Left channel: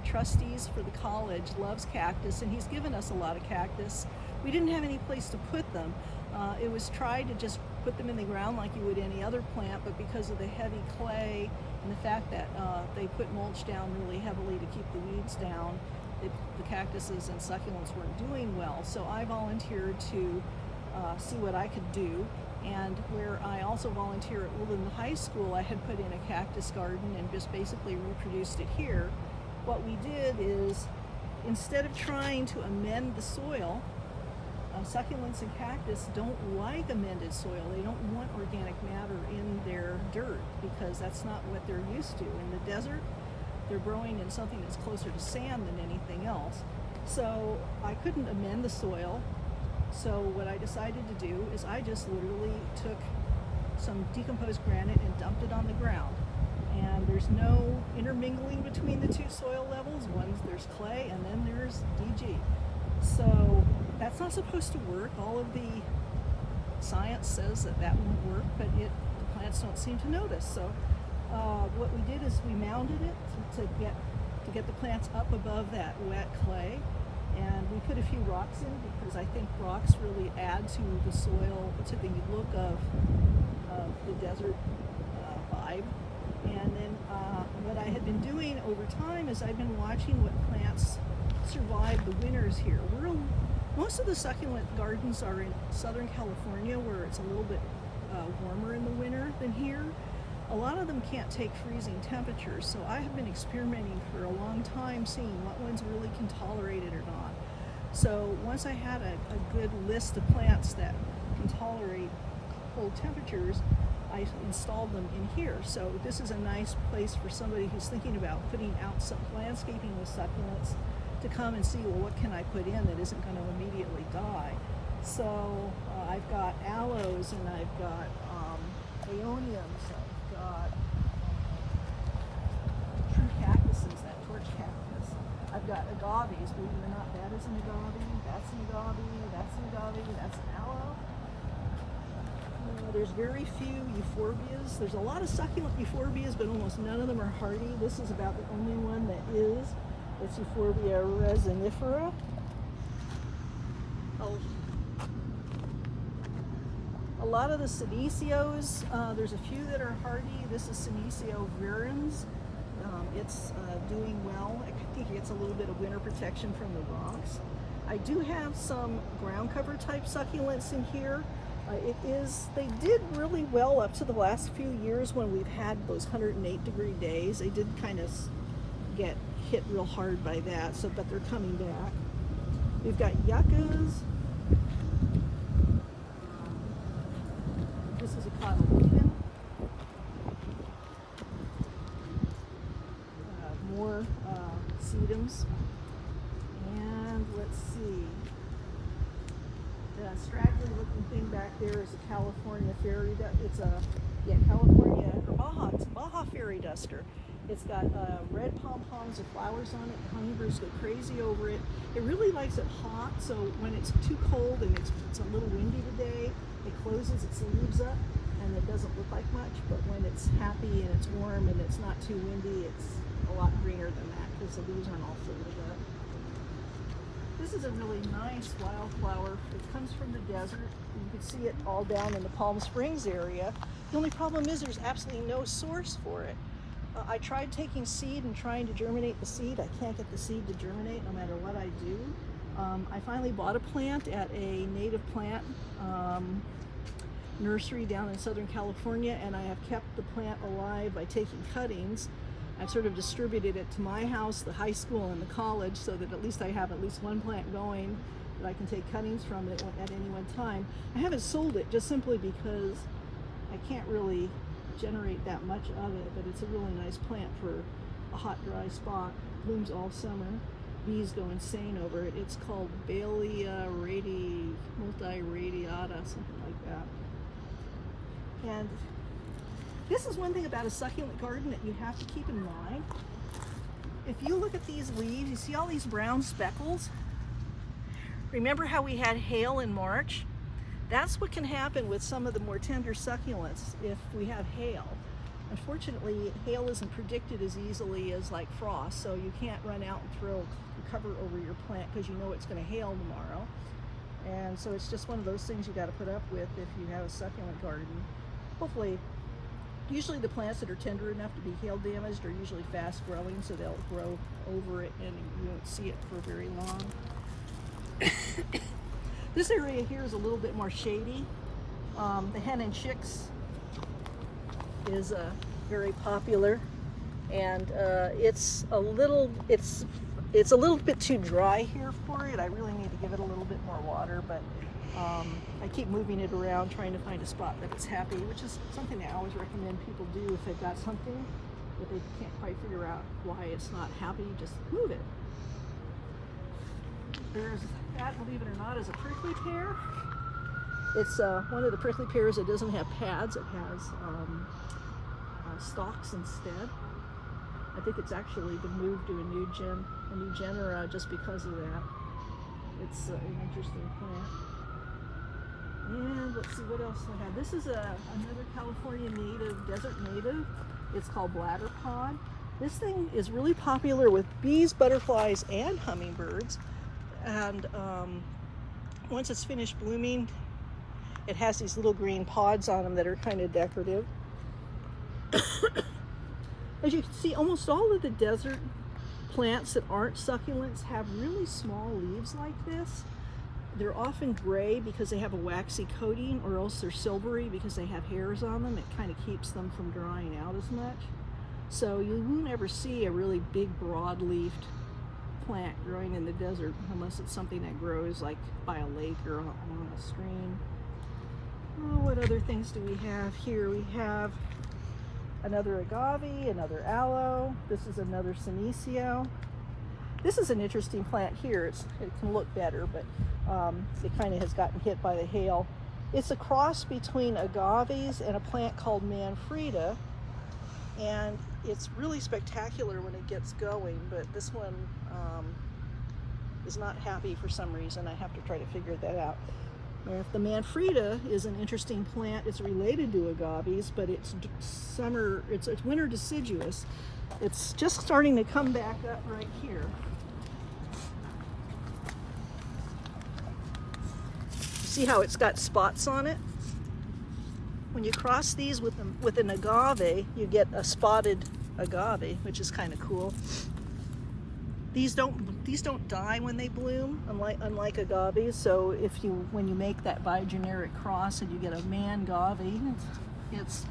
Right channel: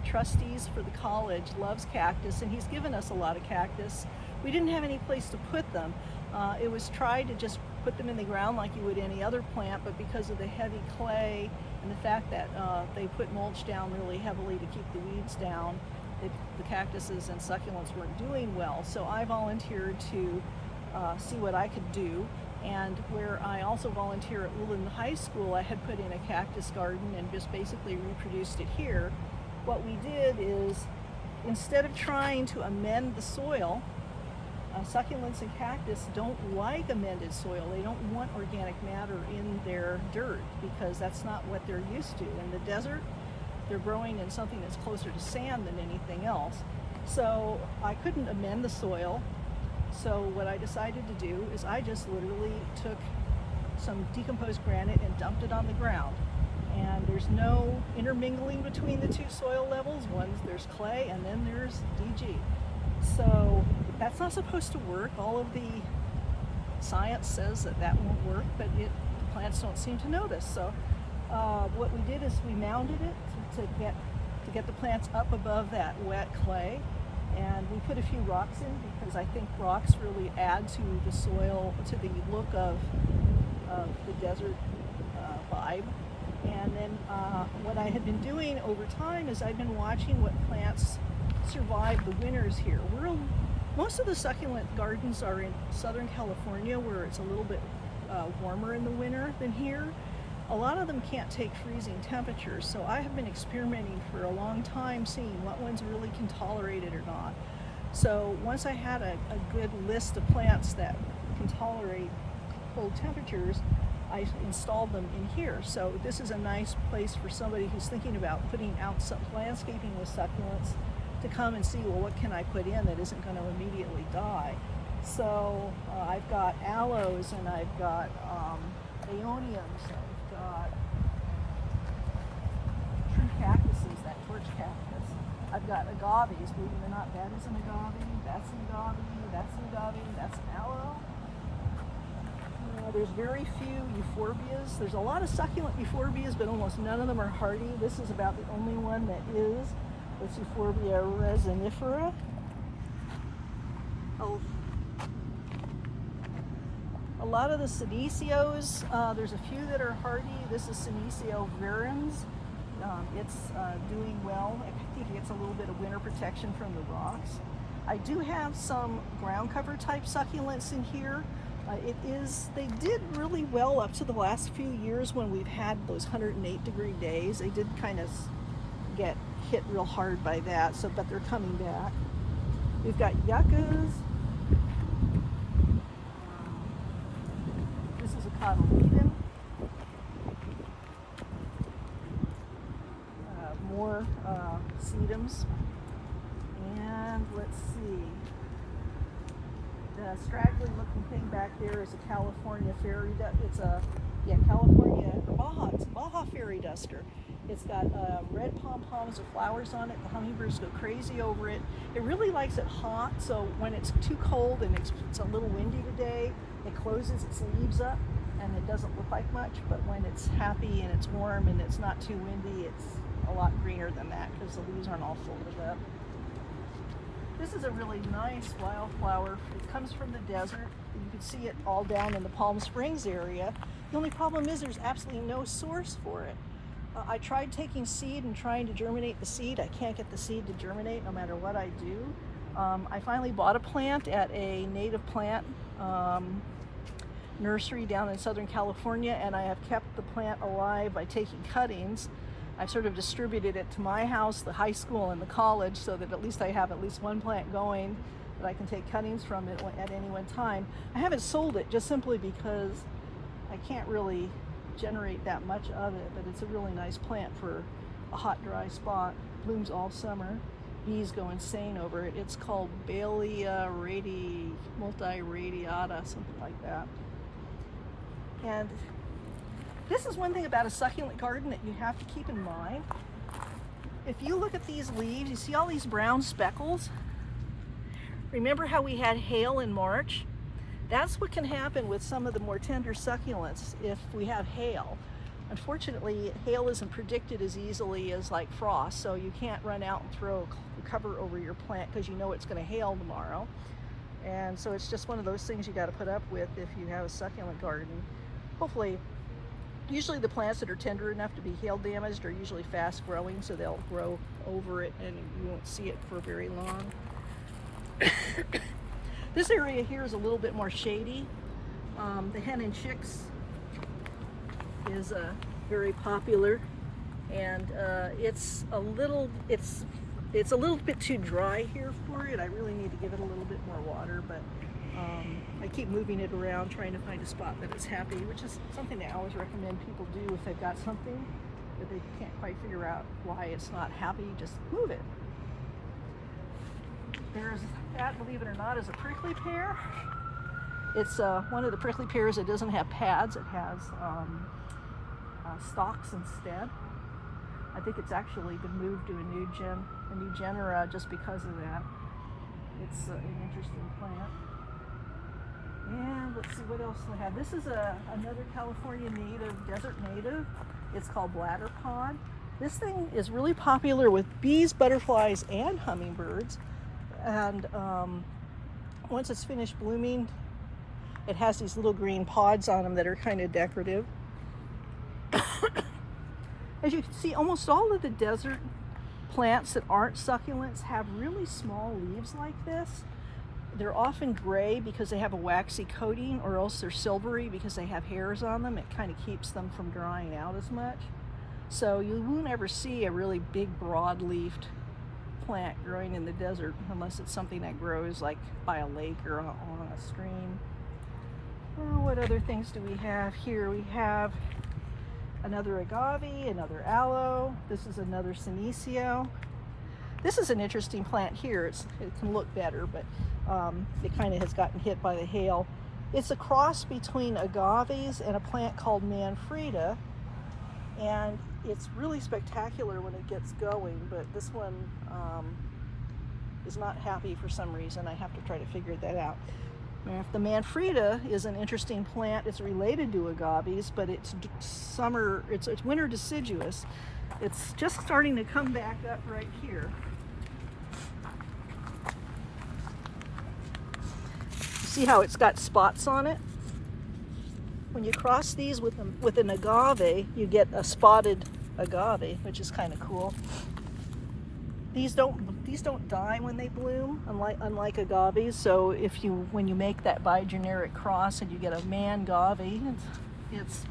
trustees for the college loves cactus, and he's given us a lot of cactus. We didn't have any place to put them. It was tried to just put them in the ground like you would any other plant, but because of the heavy clay and the fact that they put mulch down really heavily to keep the weeds down, the cactuses and succulents weren't doing well. So I volunteered to see what I could do. And where I also volunteer at Woodland High School, I had put in a cactus garden and just basically reproduced it here. What we did is, instead of trying to amend the soil, succulents and cactus don't like amended soil. They don't want organic matter in their dirt because that's not what they're used to. In the desert, they're growing in something that's closer to sand than anything else. So I couldn't amend the soil. So what I decided to do is I just literally took some decomposed granite and dumped it on the ground. And there's no intermingling between the two soil levels. There's clay and then there's DG. So that's not supposed to work. All of the science says that that won't work, but the plants don't seem to notice. So what we did is we mounded it to get the plants up above that wet clay. And we put a few rocks in because I think rocks really add to the soil, to the look of the desert vibe. And then what I had been doing over time is I've been watching what plants survive the winters here. Most of the succulent gardens are in Southern California, where it's a little bit warmer in the winter than here. A lot of them can't take freezing temperatures, so I have been experimenting for a long time, seeing what ones really can tolerate it or not. So once I had a good list of plants that can tolerate cold temperatures, I installed them in here. So this is a nice place for somebody who's thinking about putting out some landscaping with succulents to come and see, well, what can I put in that isn't going to immediately die? So I've got aloes, and I've got aeoniums, true cactuses, that torch cactus. I've got agaves, believe it or not, that is an agave, that's an agave, that's an agave, that's an aloe. There's very few euphorbias. There's a lot of succulent euphorbias, but almost none of them are hardy. This is about the only one that is. It's Euphorbia resinifera. A lot of the Senecio, there's a few that are hardy. This is Senecio virens. It's doing well. I think it gets a little bit of winter protection from the rocks. I do have some ground cover type succulents in here. They did really well up to the last few years when we've had those 108-degree days. They did kind of get hit real hard by that, but they're coming back. We've got yuccas. This is a Cotyledon. More sedums. And let's see. The straggly looking thing back there is a California fairy duster. It's a California or Baja. It's a Baja fairy duster. It's got red pom-poms of flowers on it. The hummingbirds go crazy over it. It really likes it hot, so when it's too cold and it's a little windy today, it closes its leaves up and it doesn't look like much, but when it's happy and it's warm and it's not too windy, it's a lot greener than that because the leaves aren't all folded up. This is a really nice wildflower. It comes from the desert. You can see it all down in the Palm Springs area. The only problem is there's absolutely no source for it. I tried taking seed and trying to germinate the seed. I can't get the seed to germinate no matter what I do. I finally bought a plant at a native plant nursery down in Southern California, and I have kept the plant alive by taking cuttings. I've sort of distributed it to my house, the high school, and the college so that at least I have at least one plant going that I can take cuttings from it at any one time. I haven't sold it just simply because I can't really generate that much of it, but it's a really nice plant for a hot, dry spot. Blooms all summer. Bees go insane over it. It's called Bailea multiradiata, something like that. And this is one thing about a succulent garden that you have to keep in mind. If you look at these leaves, you see all these brown speckles? Remember how we had hail in March? That's what can happen with some of the more tender succulents if we have hail. Unfortunately, hail isn't predicted as easily as like frost, so you can't run out and throw cover over your plant because you know it's going to hail tomorrow. And so it's just one of those things you got to put up with if you have a succulent garden. Hopefully, usually the plants that are tender enough to be hail damaged are usually fast growing, so they'll grow over it and you won't see it for very long. This area here is a little bit more shady. The hen and chicks is very popular, and it's a little bit too dry here for it. I really need to give it a little bit more water, but I keep moving it around trying to find a spot that it's happy, which is something I always recommend people do if they've got something that they can't quite figure out why it's not happy. Just move it. There's that, believe it or not, is a prickly pear. It's one of the prickly pears that doesn't have pads. It has stalks instead. I think it's actually been moved to a new genera just because of that. It's an interesting plant. And let's see what else I have. This is another California native, desert native. It's called Bladder Pod. This thing is really popular with bees, butterflies, and hummingbirds. And once it's finished blooming, it has these little green pods on them that are kind of decorative. As you can see, almost all of the desert plants that aren't succulents have really small leaves like this. They're often gray because they have a waxy coating, or else they're silvery because they have hairs on them. It kind of keeps them from drying out as much. So you won't ever see a really big broad-leafed plant growing in the desert unless it's something that grows like by a lake or on a stream. What other things do we have here? We have another agave, another aloe. This is another senecio. This is an interesting plant here. It can look better, but it kind of has gotten hit by the hail. It's a cross between agaves and a plant called Manfreda, and it's really spectacular when it gets going, but this one is not happy for some reason. I have to try to figure that out. Now, the Manfreda is an interesting plant. It's related to agaves, but it's winter deciduous. It's just starting to come back up right here. See how it's got spots on it? When you cross these with an agave, you get a spotted agave, which is kind of cool. These don't die when they bloom, unlike agaves. So when you make that bigeneric cross and you get a mangave, it's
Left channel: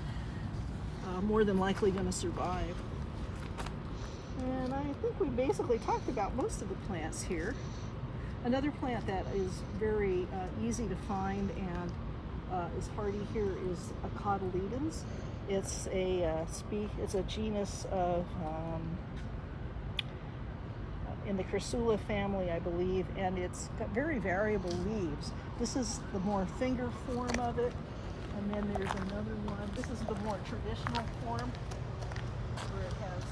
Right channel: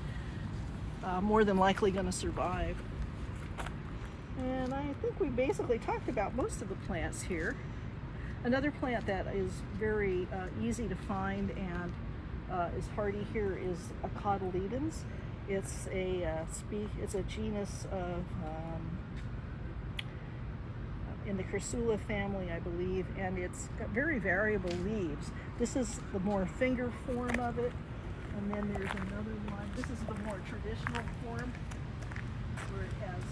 more than likely going to survive. And I think we basically talked about most of the plants here. Another plant that is very easy to find and is hardy here is a Cotyledons. It's a genus of in the Crassula family, I believe, and it's got very variable leaves. This is the more finger form of it, and then there's another one. This is the more traditional form, where it has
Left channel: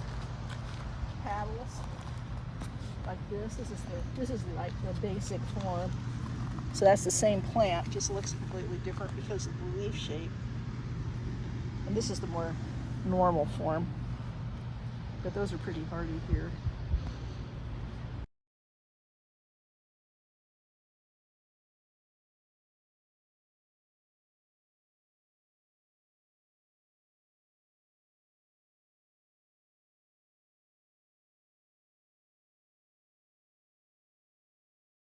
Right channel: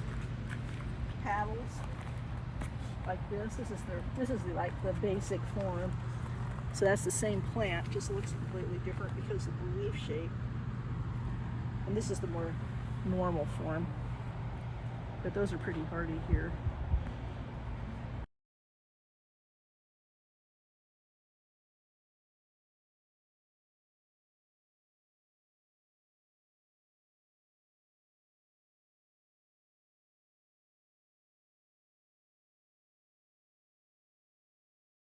petals like this. This is like the basic form. So that's the same plant, just looks completely different because of the leaf shape. And this is the more normal form. But those are pretty hardy here.